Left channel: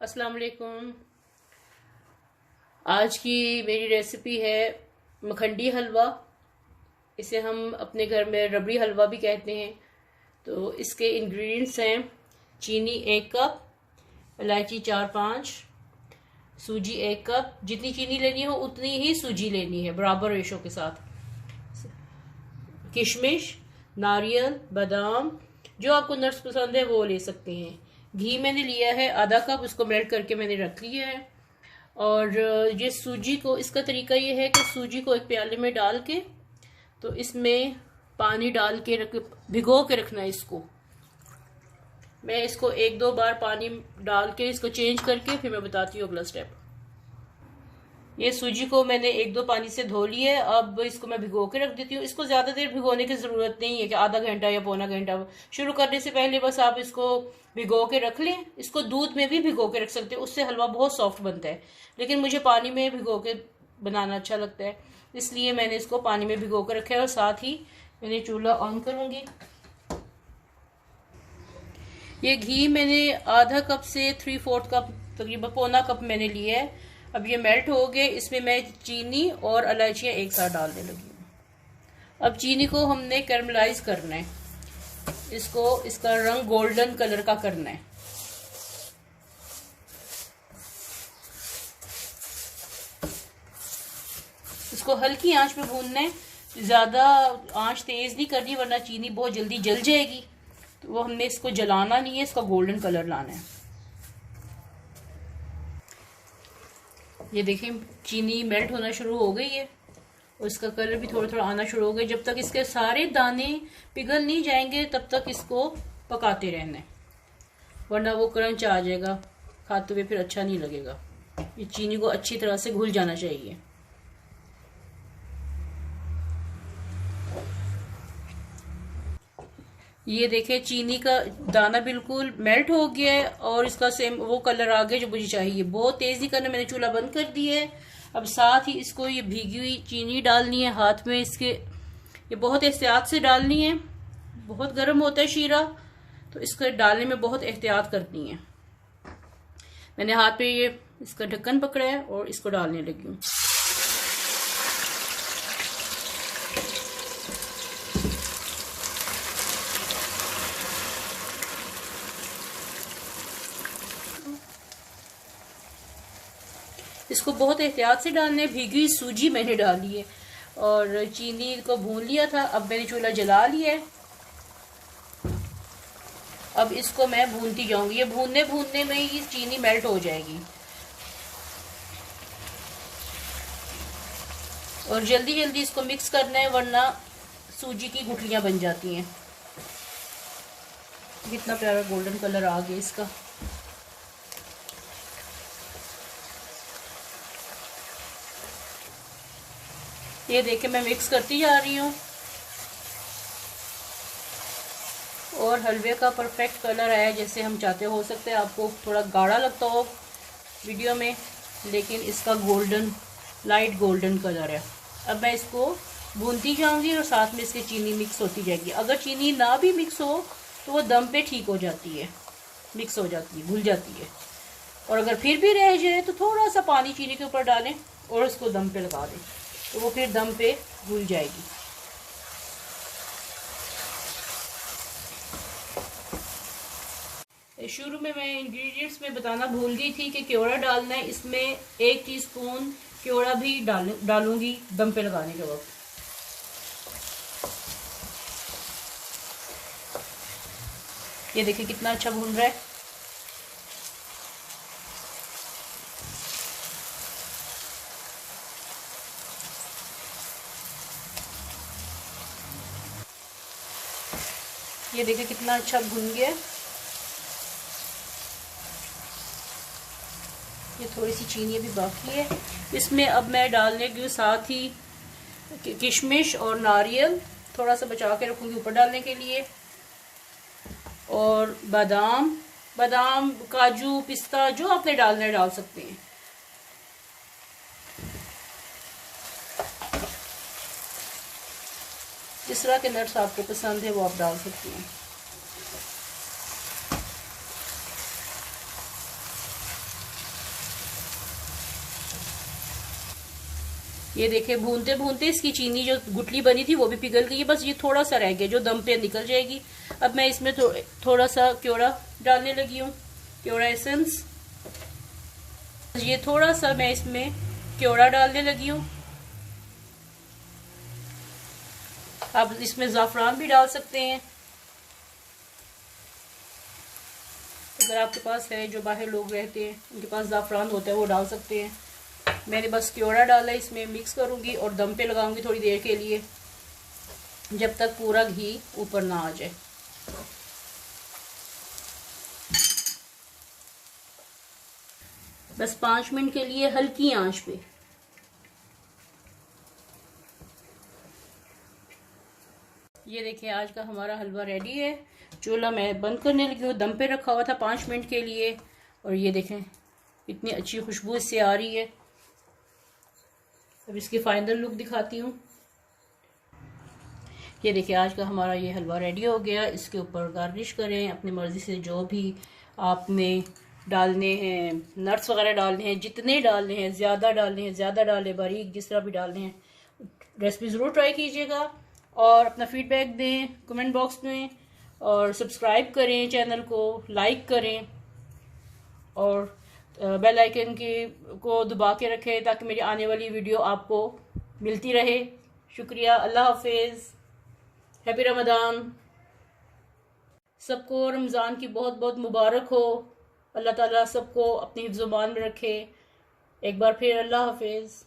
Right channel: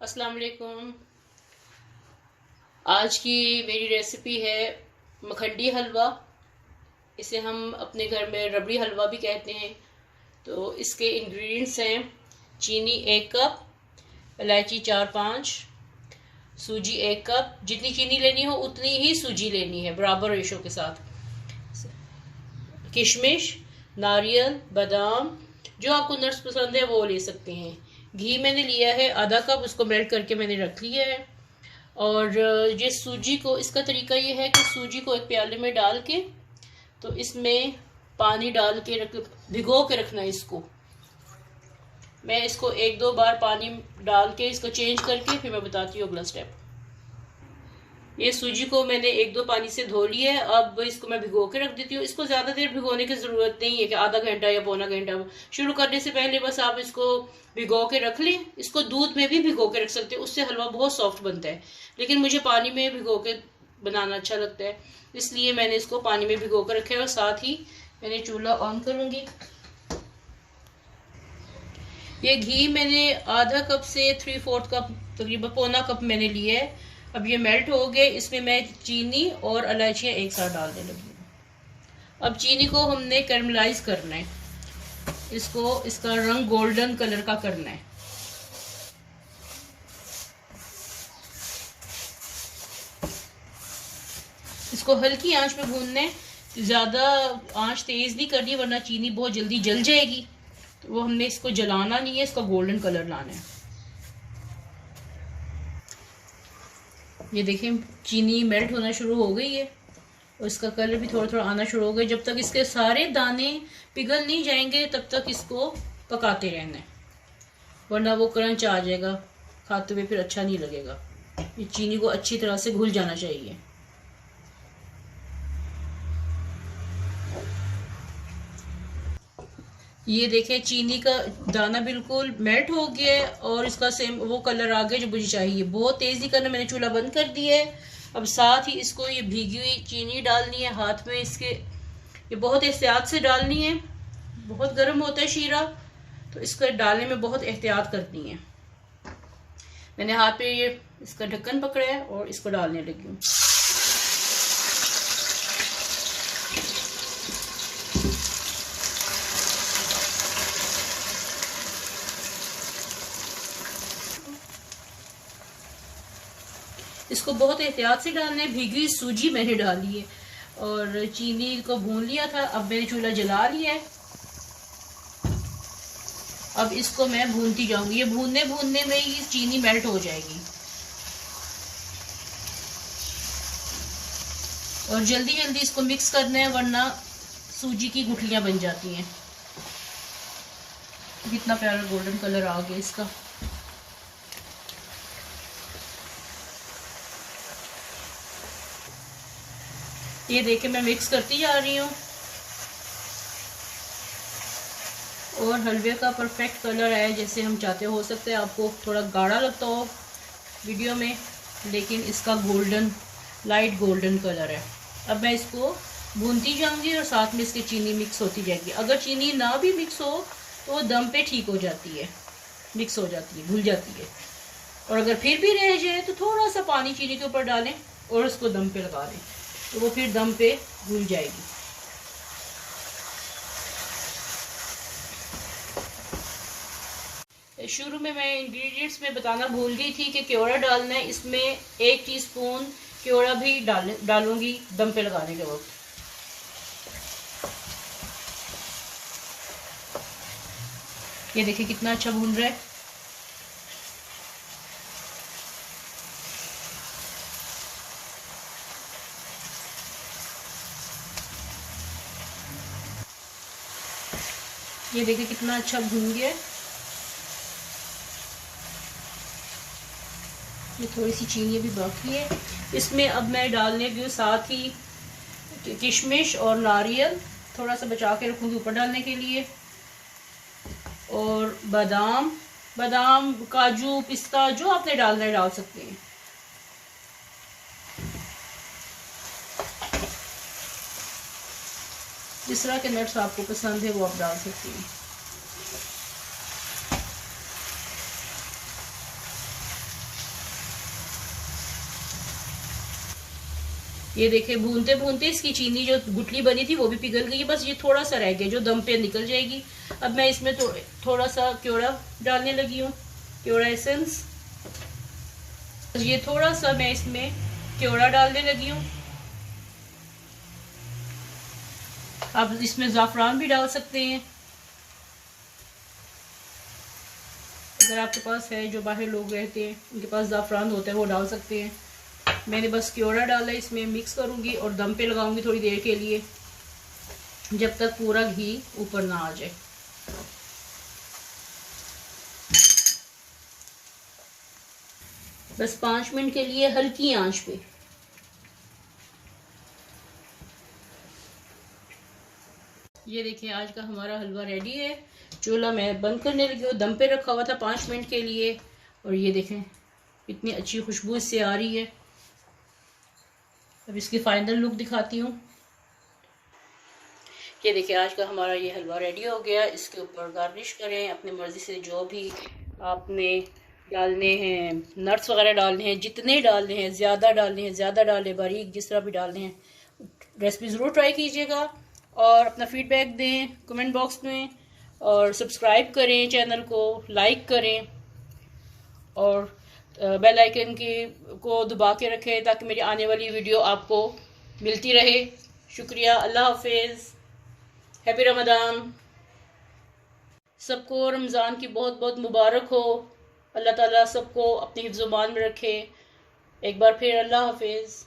अस्सलाम वालेकुम। आज की मेरी रेसिपी है मखंडी हलवा। इसे हम अपने घर में रबड़ी हलवा भी कहते हैं। तो इसके इंग्रेडिएंट्स हैं चीनी 1 कप, इलायची 4-5, सूजी 1 कप। जितनी चीनी लेनी हो उतनी ही सूजी लेनी है, बराबर रेशो के साथ। किशमिश, नारियल, बादाम, जो आपको नट्स पसंद है वो ले सकते हैं। घी मैंने लिया है ½ कप, उसको मेल्ट करके मैंने रख लिया है। और ये सूजी को, इसका तरीका ये है कि सूजी को एक प्याले में डाल के, तो इसमें पानी डाल के भिगो के रखना है इसको। मैं इसको 1-2 बार पानी डाल के इसको चेंज करके फिर मैं बताती हूँ अगला स्टेप। ये सूजी को मैंने 1-2 पानी से धो लिया है। अब इसको मैं भिगो के रख देती हूँ। इसको ज़्यादा देर भिगोने की ज़रूरत नहीं है कि आधा घंटा या पौना घंटा। शुरू करने से पहले बस आप इसको भिगो के रख लें। इसको दूध में भी भिगो के रख सकते हैं, उससे हलवा बहुत सॉफ्ट बनता है। लेकिन मुझे पानी में भिगो के बनाना अच्छा लगता है, इसलिए मैंने इसको पानी में भिगो कर रखा है। और साथ ही मैंने चूल्हा ऑन करूँगी। ये घी मैंने ½ कप से 3/4 कप, तकरीबन पौना कप मैंने लिया है। अब ये मेल्ट हो गए। इसमें मैं चीनी और इलायचियाँ एक साथ डालने लगी हूँ। अब चीनी को हमने कैरमलाइज करना है। इसको, इसका रंग गोल्डन कलर का करना है। इसको हल्की आंच पे भूनना है, ज़्यादा आंच तेज़ नहीं करनी वरना चीनी बहुत जल्दी जल जाएगी। तो वो हमने इसको जलाना नहीं है, इसका गोल्डन कलर लाना है। ये देखें चीनी मेल्ट होना शुरू हो गई है और इसका कलर भी थोड़ा थोड़ा आना शुरू हो गया। जब तक इसके सारे दाने पिघल नहीं जाएंगे तब तक इसको पकाते रहना है, वरना वो क्रंच आ जाएगा, खाते हुए फिर अच्छा नहीं लगेगा। ये चीनी को अच्छी तरह से घुल जाना चाहिए। ये देखें चीनी का दाना बिल्कुल मेल्ट हो गया है और इसका सेम वो कलर आ गया जो मुझे चाहिए। बहुत तेज़ी करने मैंने चूल्हा बंद कर दिया है। अब साथ ही इसको ये भीगी हुई चीनी डालनी है हाथ में इसके। ये बहुत एहतियात से डालनी है, बहुत गर्म होता है शीरा, तो इसको डालने में बहुत एहतियात करनी है। मैंने हाथ पे ये इसका ढक्कन पकड़ा है और इसको डालने लगी हूँ। इसको बहुत एहतियात से डालना है। भीगी सूजी मैंने डाली है और चीनी को भून लिया था। अब मैंने चूल्हा जला लिया है। अब इसको मैं भूनती जाऊंगी। ये भूनने भूनने में ही चीनी मेल्ट हो जाएगी और जल्दी जल्दी इसको मिक्स करना है वरना सूजी की गुठलियां बन जाती हैं। कितना प्यारा गोल्डन कलर आ गया इसका। ये देखे मैं मिक्स करती जा रही हूँ और हलवे का परफेक्ट कलर है जैसे हम चाहते हो सकता है आपको थोड़ा गाढ़ा लगता हो वीडियो में, लेकिन इसका गोल्डन, लाइट गोल्डन कलर है। अब मैं इसको भूनती जाऊंगी और साथ में इसकी चीनी मिक्स होती जाएगी। अगर चीनी ना भी मिक्स हो तो वो दम पे ठीक हो जाती है, मिक्स हो जाती है, घुल जाती है। और अगर फिर भी रह जाए तो थोड़ा सा पानी चीनी के ऊपर डालें और उसको दम पे लगा दें, तो वो फिर दम पे घुल जाएगी। शुरू में मैं इंग्रेडिएंट्स में बताना भूल गई थी कि क्योड़ा डालना है। इसमें 1 टीस्पून क्योड़ा भी डालूंगी दम पे लगाने के वक्त। ये देखिए कितना अच्छा भून रहा है। ये देखिए कितना अच्छा भून गया। ये थोड़ी सी चीनी भी बाकी है। इसमें अब मैं डालने की साथ ही किशमिश और नारियल थोड़ा सा बचा के रखूँगी ऊपर डालने के लिए, और बादाम, काजू, पिस्ता, जो आपने डालना है डाल सकते हैं। जिस तरह के नट्स आपको पसंद है वो आप डाल सकते हैं। ये देखें, भूनते भूनते इसकी चीनी जो गुठली बनी थी वो भी पिघल गई है। बस ये थोड़ा सा रह गया जो दम पे निकल जाएगी। अब मैं इसमें थोड़ा सा क्योड़ा डालने लगी हूँ, क्योड़ा एसेंस। ये थोड़ा सा मैं इसमें क्योड़ा डालने लगी हूँ। आप इसमें ज़ाफ़रान भी डाल सकते हैं, अगर आपके पास है। जो बाहर लोग रहते हैं उनके पास ज़ाफ़रान होता है, वो डाल सकते हैं। मैंने बस क्योड़ा डाला, इसमें मिक्स करूँगी और दम पे लगाऊंगी थोड़ी देर के लिए, जब तक पूरा घी ऊपर ना आ जाए। बस 5 मिनट के लिए हल्की आंच पे। ये देखिए, आज का हमारा हलवा रेडी है। चूल्हा मैं बंद करने लगी हूँ, दम पे रखा हुआ था 5 मिनट के लिए। और ये देखें, इतनी अच्छी खुशबू इससे आ रही है। अब इसकी फाइनल लुक दिखाती हूँ। ये देखिए, आज का हमारा ये हलवा रेडी हो गया। इसके ऊपर गार्निश करें अपनी मर्ज़ी से, जो भी आपने डालने हैं, नट्स वगैरह डालने हैं, जितने डालने हैं, ज़्यादा डालने हैं ज़्यादा डालें, बारीक जिस तरह भी डालने हैं। रेसिपी ज़रूर ट्राई कीजिएगा और अपना फीडबैक दें कमेंट बॉक्स में, और सब्सक्राइब करें चैनल को, लाइक करें और बेल आइकन को दबा के रखें ताकि मेरी आने वाली वीडियो आपको मिलती रहे। शुक्रिया। अल्लाह हाफिज़। हैप्पी रमज़ान। सबको रमज़ान की बहुत बहुत मुबारक हो। अल्लाह ताला सबको अपनी हिफ्ज़-ओ-मान में रखे। एक बार फिर अल्लाह हाफिज़।